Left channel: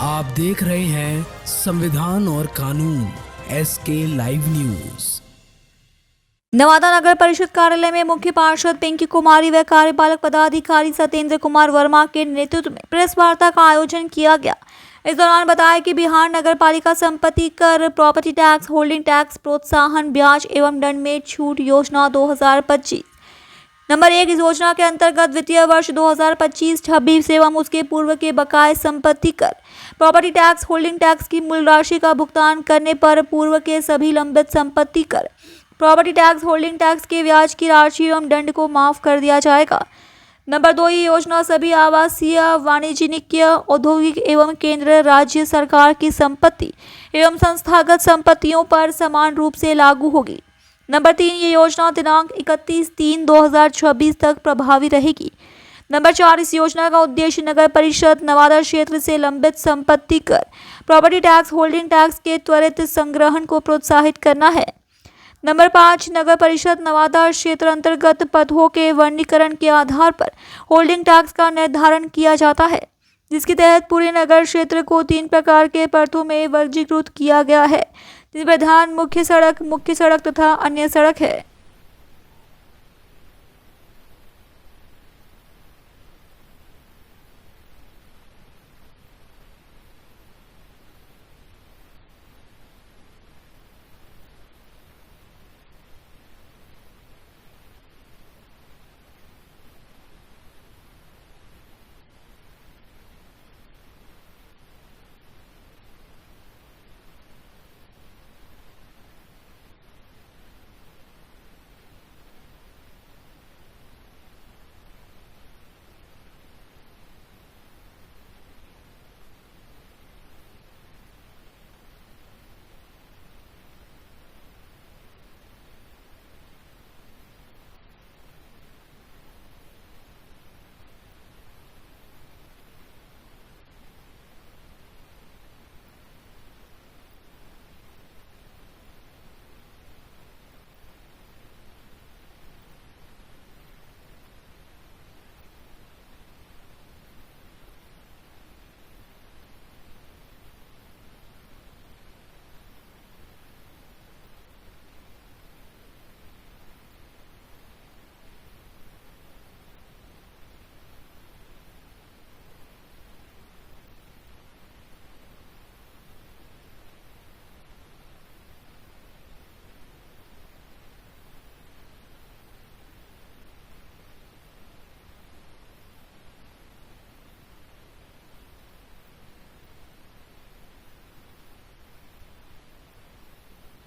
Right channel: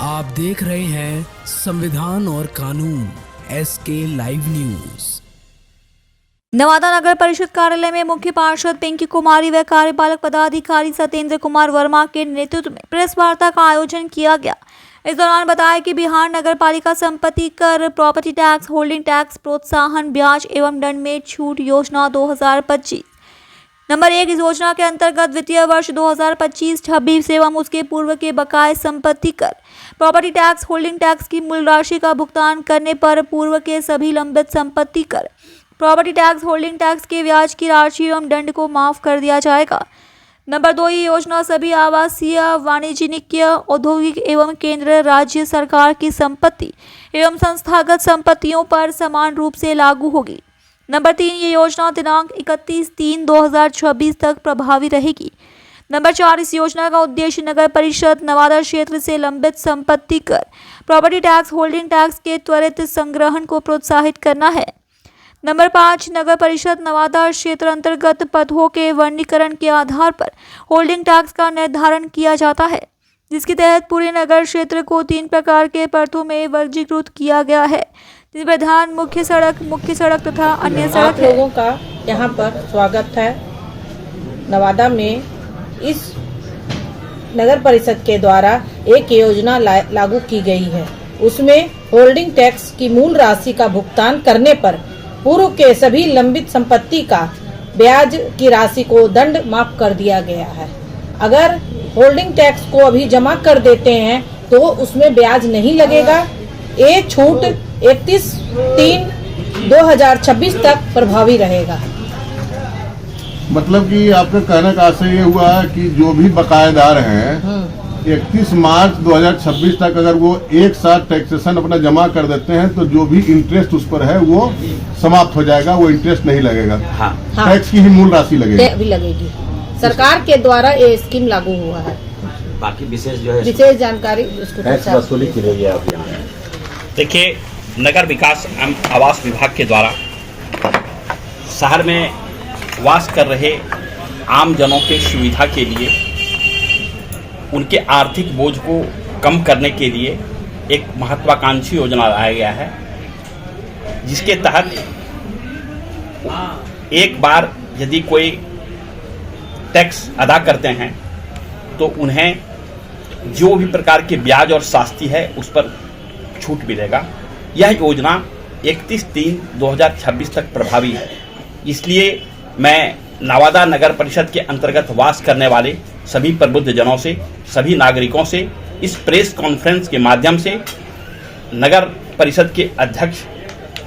आप देख रहे हैं संविधान और कानून SK लाइव न्यूज। नवादा नगर परिषद कार्यालय में मुख्य पार्षद पिंकी कुमारी व कार्यपालक पदाधिकारी सत्येंद्र कुमार वर्मा के नेतृत्व में प्रेस वार्ता का आयोजन किया गया। इस दौरान बताया कि बिहार नगर पालिका संपत्ति कर, प्रॉपर्टी टैक्स, होल्डिंग टैक्स, प्रोत्साहन, ब्याज एवं दंड में छूट योजना 2025 नंबर 1 इस योजना के अंतर्गत वित्तीय वर्ष 2025-26 एवं उसके पूर्व के बकाये संपत्ति कर, प्रॉपर्टी टैक्स, होल्डिंग टैक्स की मूल राशि का भुगतान करने पर पूर्व के सभी लंबित संपत्ति कर, प्रॉपर्टी टैक्स, होल्डिंग टैक्स के ब्याज की राशि एवं दंड को माफ कर दिया जाएगा। नंबर 2 ये योजना सभी आवासीय, वाणिज्यिक, औद्योगिक एवं केंद्र राज्य सरकार की संपत्ति एवं संस्थागत संपत्तियों पर समान रूप से लागू होगी। नंबर 3 ये योजना दिनांक 31/3/2026 तक प्रभावी रहेगी। नंबर 4 इस योजना का उद्देश्य नगर परिषद नवादा क्षेत्र से लंबित संपत्ति कर, प्रॉपर्टी टैक्स, होल्डिंग टैक्स के त्वरित संग्रहण को प्रोत्साहित करना है। नंबर 5 नगर परिषद नवादा क्षेत्र अंतर्गत पदों के वर्गीकरण के आधार पर होल्डिंग टैक्स का निर्धारण किया जाता है, जिसके तहत पूरे नगर क्षेत्र को 3 प्रकार के पदों में वर्गीकृत किया गया है, जिस प्रधान, मुख्य सड़क तथा अन्य सड़क है। लोगों का यहाँ पर स्वागत है। नवादा में इस नगर परिषद के द्वारा एक योजना लागू की गई है। उसमें होल्डिंग टैक्स की मूल राशि का भुगतान करने पर पूर्व के सभी लंबित संपत्ति का ब्याज की राशि को दंड माफ कर दिया गया है। अगर होल्डिंग टैक्स को अभी जमा कर देते हैं तो उसमें ब्याज नहीं लगेगा। ये छूट 31/3/2026 तक प्रभावी रहेगा। मतलब कि आपका कहने का आशय ये हुआ है कि जो भी बकायेदार हैं 31 मार्च 2026 तक अगर वो एक साथ टैक्सेशन अपना जमा कर देते हैं तो जो भी इंटरेस्ट उस पर है वो समाप्त हो जाएगा, वो इंटरेस्ट नहीं लगेगा। हाँ। टैक्स की ही मूल राशि लगेगी। सरकार के द्वारा ये स्कीम लागू हुआ है। बाकी विशेष जानकारी वसूली की रही है। देखिए, नगर विकास एवं आवास विभाग के द्वारा शहर में वास कर रहे आम जनों के सुविधा के लिए, उनके आर्थिक बोझ को कम करने के लिए एक महत्वाकांक्षी योजना लाया गया है, जिसके तहत एक बार यदि कोई टैक्स अदा करते हैं तो उन्हें जो भी प्रकार के ब्याज और शास्ति है उस पर छूट मिलेगा। यह योजना 31/3/2026 तक प्रभावी है। इसलिए मैं नवादा नगर परिषद के अंतर्गत वास करने वाले सभी प्रबुद्ध जनों से, सभी नागरिकों से इस प्रेस कॉन्फ्रेंस के माध्यम से नगर परिषद के अध्यक्ष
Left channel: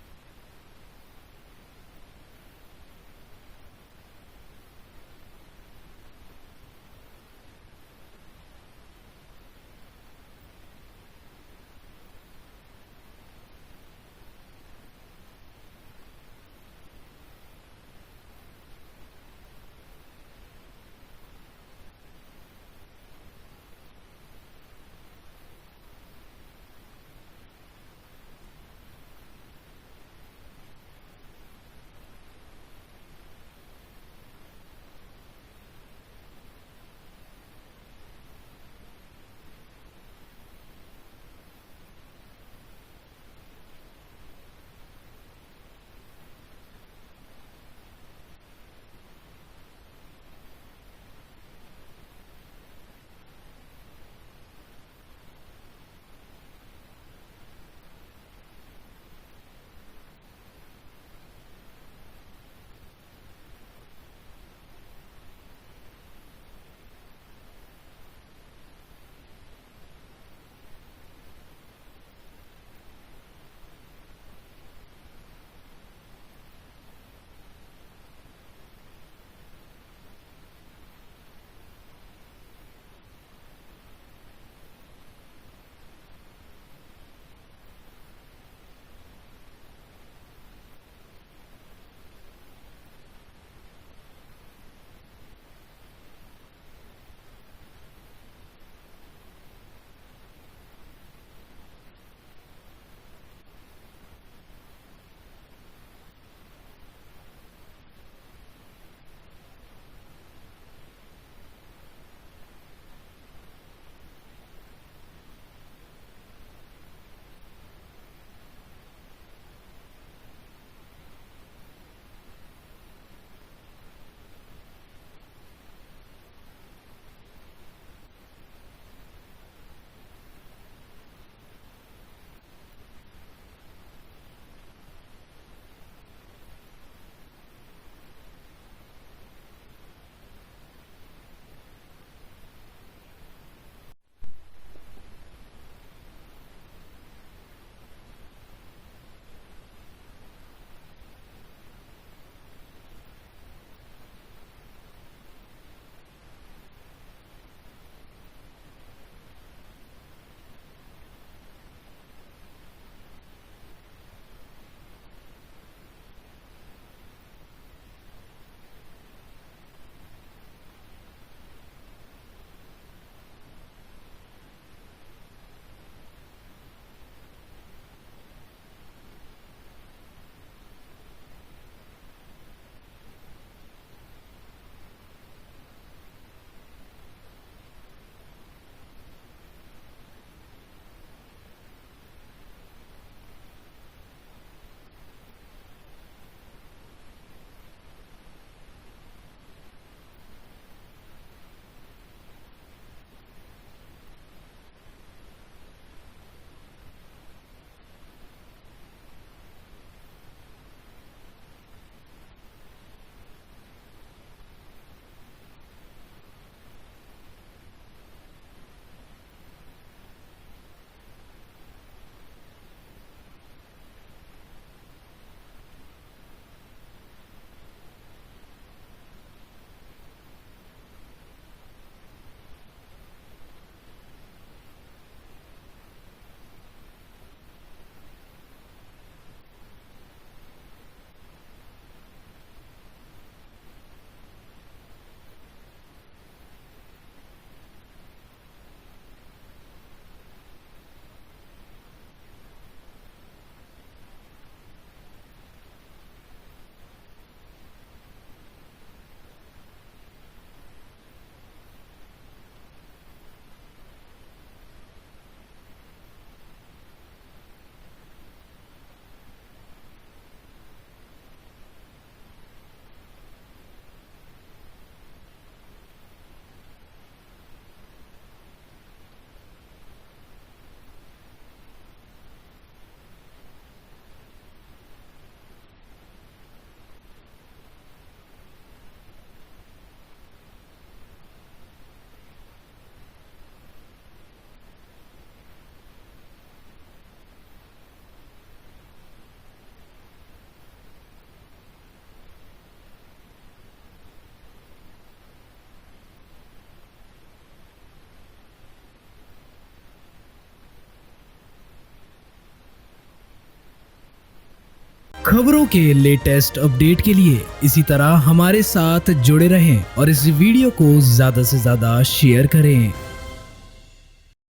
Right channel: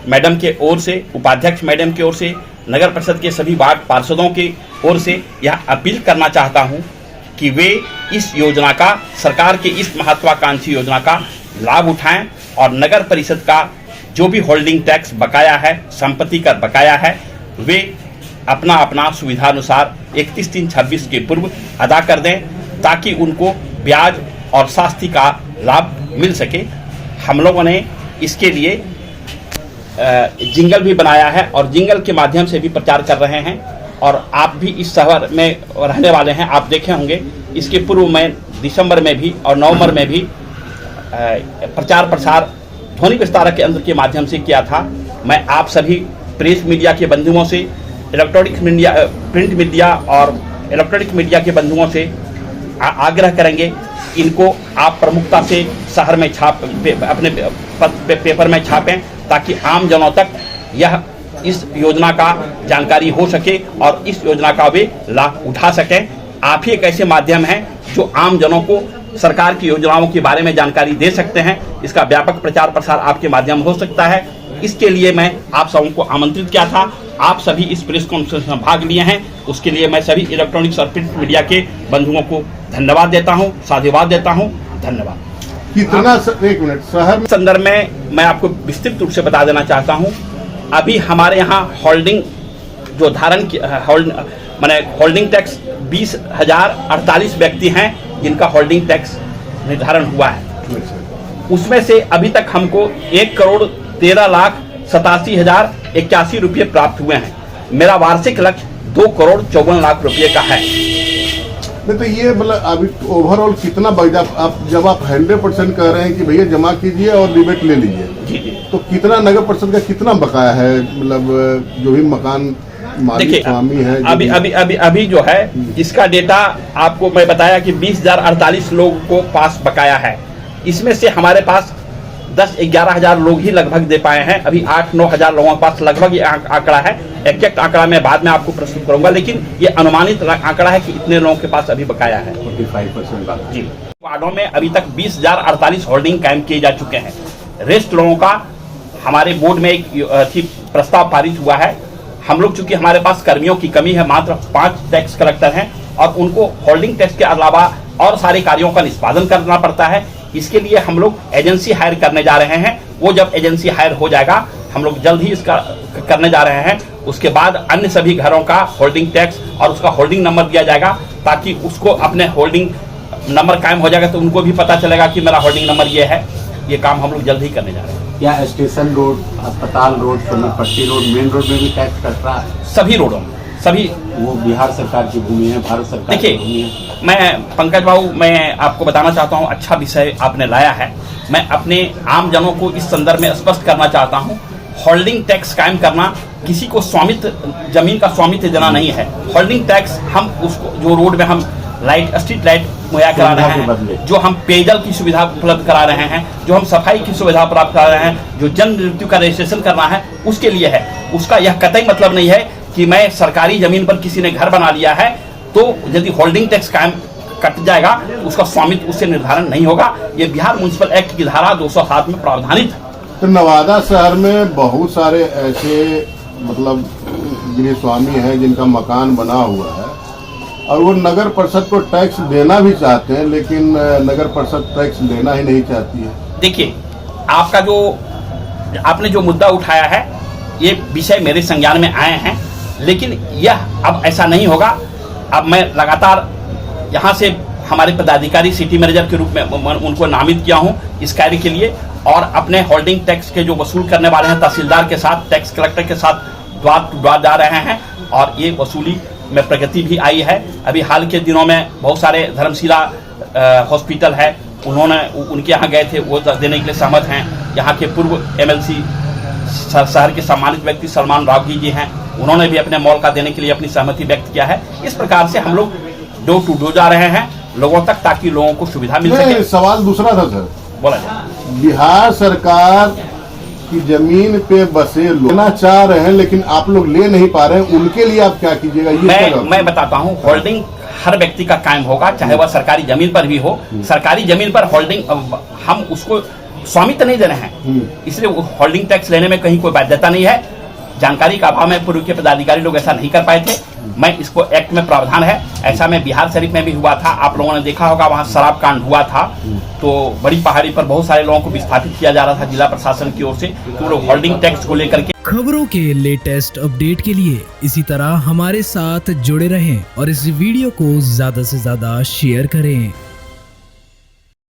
मैडम के ओर से, उपाध्यक्ष मैडम की ओर से, नगर परिषद के सभी वार्ड पार्षदों की ओर से यह अपील करना चाहता हूं कि वे इस योजना का, सरकार की इस महत्वाकांक्षी योजना का लाभ उठाएं और नगर परिषद का जो भी होल्डिंग टैक्स बकाया है, संपत्ति कर बकाया है, वे अपना अपना सुविधानुसार 31/3/26 के पूर्व अदा कर दें, ताकि उनको ब्याज और शास्ति का लाभ मिल सके। हम लोगों ने इसके लिए जिंगल भी बनाया है और जिंगल के माध्यम से भी प्रचार कर रहे हैं, और आप भी इस शहर में रहने वाले हैं, आप देखे होंगे। इसके पूर्व में दिसंबर में भी और नवंबर में भी प्रचार प्रसार ध्वनि विस्तारक के यंत्र के माध्यम से किया था। मैं आप सभी प्रेस मीडिया के बंधुओं से, इलेक्ट्रॉनिक मीडिया, प्रिंट मीडिया और इलेक्ट्रॉनिक मीडिया के बंधुओं से आग्रह करेंगे, इनको आप प्रमुखता से शहर में अपने पेपर में छापें, ताकि आम जनों तक यह इस योजना का जानकारी हो सके और इस योजना का वे लाभ उठा सकें। आप ही एक ऐसे माध्यम हैं जो आम जनों को सरकार की योजनाओं के बारे में जानकारी दे सकते हैं। इसका व्यापक प्रचार प्रसार आपके माध्यम हो सकता है। इसके लिए मैं आप सबों को आमंत्रित किया था। आप सभी इस प्रेस कॉन्फ्रेंस में भाग लिए हैं, उसके लिए मैं सभी इलेक्ट्रॉनिक्स और प्रिंट मीडिया के बंधुओं को धन्यवाद देता हूं, साधुवाद देता हूं। धन्यवाद। कितना एक मिनट शहर संदर्भ में मैं आपको विस्तृत रूप से बता देना चाहता हूं। अभी हमारे यहाँ होल्डिंग जो धारण होल्डिंग टैक्स 20,048 व्यक्ति हैं जिनका होल्डिंग टैक्स निर्धारण हुआ है। उसमें से अभी तक हमको 1,13,87,081 रुपये प्राप्त हुए हैं। मेरा वार्षिक लक्ष्य 2,54,00,000 रुपये का है। नहीं तो ये मतलब अभी ओवरऑल कितना आप जब आप 100% कह रहे हैं कि भैया जमा कीजिए और रिबेट ले लीजिए, जी जी। तो कितना नगर परिषद का कितना बकाया है, मतलब जो भी मकान मालिक स्वामी है अभी जो है इसका डेटा आपको मैं बताया कि 20,048 लोगों को पास बकाया है। इसमें से हमारे पास 10-11 हजार लोग ही लगभग दे पाए हैं। अभी 8-9 हजार लोगों के पास लगभग ये आंकड़ा है। एग्जैक्ट आंकड़ा मैं बाद में आपको प्रस्तुत करूंगा, लेकिन ये अनुमानित आंकड़ा है कि इतने लोगों के पास अभी बकाया है। 45% जी। वार्डों में अभी तक 20,048 होल्डिंग कायम किए जा चुके हैं। रेस्ट लोगों का हमारे बोर्ड में एक प्रस्ताव पारित हुआ है। हम लोग चूंकि हमारे पास कर्मियों की कमी है, मात्र 5 टैक्स कलेक्टर हैं और उनको होल्डिंग टैक्स के अलावा और सारे कार्यों का निष्पादन करना पड़ता है। इसके लिए हम लोग एजेंसी हायर करने जा रहे हैं। वो जब एजेंसी हायर हो जाएगा, हम लोग जल्द ही इसका करने जा रहे हैं। उसके बाद अन्य सभी घरों का होल्डिंग टैक्स और उसका होल्डिंग नंबर दिया जाएगा, ताकि उसको अपने होल्डिंग नंबर कायम हो जाएगा तो उनको भी पता चलेगा कि मेरा होल्डिंग नंबर ये है। ये काम हम लोग जल्द ही करने जा रहे हैं। क्या स्टेशन रोड, अस्पताल रोड, पट्टी रोड, मेन रोड में भी टैक्स कट रहा है? सभी रोडों में, सभी। वो बिहार सरकार की भूमि है, भारत सरकार की भूमि है। देखिए, मैं पंकज बाबू, मैं आपको बताना चाहता हूँ, अच्छा विषय आपने लाया है। मैं अपने आम जनों को इस संदर्भ में स्पष्ट करना चाहता हूँ, होल्डिंग टैक्स कायम करना किसी को स्वामित्व, जमीन का स्वामित्व देना नहीं है। होल्डिंग टैक्स हम उसको, जो रोड में हम लाइट, स्ट्रीट लाइट मुहैया करा रहे हैं, जो हम पेयजल की सुविधा उपलब्ध करा रहे हैं, जो हम सफाई की सुविधा प्राप्त करा रहे हैं, जो जन्म मृत्यु का रजिस्ट्रेशन करना है, उसके लिए है। उसका यह कतई मतलब नहीं है कि मैं सरकारी जमीन पर किसी ने घर बना लिया है तो यदि होल्डिंग टैक्स कायम कट जाएगा तो उसका स्वामित्व उससे निर्धारण नहीं होगा। ये बिहार म्युनिसिपल एक्ट की धारा 207 में प्रावधानित है। तो नवादा शहर में बहुत सारे ऐसे मतलब गृह स्वामी हैं जिनका मकान बना हुआ है और वो नगर परिषद को टैक्स देना भी चाहते हैं, लेकिन नगर परिषद टैक्स देना ही नहीं चाहती है। देखिए, आपने जो मुद्दा उठाया है, ये विषय मेरे संज्ञान में आए हैं, लेकिन यह अब ऐसा नहीं होगा। अब मैं लगातार यहाँ से हमारे पदाधिकारी सिटी मैनेजर के रूप में उनको नामित किया हूँ इस कार्य के लिए, और अपने होल्डिंग टैक्स के जो वसूल करने वाले हैं तहसीलदार के साथ, टैक्स कलेक्टर के साथ द्वार टू द्वार जा रहे हैं और ये वसूली में प्रगति भी आई है। अभी हाल के दिनों में बहुत सारे धर्मशिला हॉस्पिटल है, उनके यहाँ गए थे, वो देने के लिए सहमत हैं। यहाँ के पूर्व MLC शहर के सम्मानित व्यक्ति सलमान रावगी जी हैं, उन्होंने भी अपने मॉल का देने के लिए अपनी सहमति व्यक्त kiया है। इस प्रकार से हम लोग डोर टू डोर जा रहे हैं लोगों तक, ताकि लोगों को सुविधा मिल सके। सवाल दूसरा था सर, बोला जाए, बिहार सरकार की जमीन पे बसे लेना चाह रहे हैं लेकिन आप लोग ले नहीं पा रहे हैं, उनके लिए आप क्या कीजिएगा? मैं बताता हूँ, होल्डिंग हर व्यक्ति का कायम होगा, चाहे वह सरकारी जमीन पर भी हो। सरकारी जमीन पर होल्डिंग हम उसको स्वामित्व नहीं दे रहे हैं, इसलिए होल्डिंग टैक्स लेने में कहीं कोई बाध्यता नहीं है। जानकारी का अभाव में पूर्व के पदाधिकारी लोग ऐसा नहीं कर पाए थे। मैं इसको एक्ट में प्रावधान है, ऐसा में बिहार शरीफ में भी हुआ था। आप लोगों ने देखा होगा, वहाँ शराब कांड हुआ था, तो बड़ी पहाड़ी पर बहुत सारे लोगों को विस्थापित किया जा रहा था जिला प्रशासन की ओर से, तो लोग होल्डिंग टैक्स को लेकर के। खबरों के लेटेस्ट अपडेट के लिए इसी तरह हमारे साथ जुड़े रहें और इस वीडियो को ज्यादा से ज्यादा शेयर करें।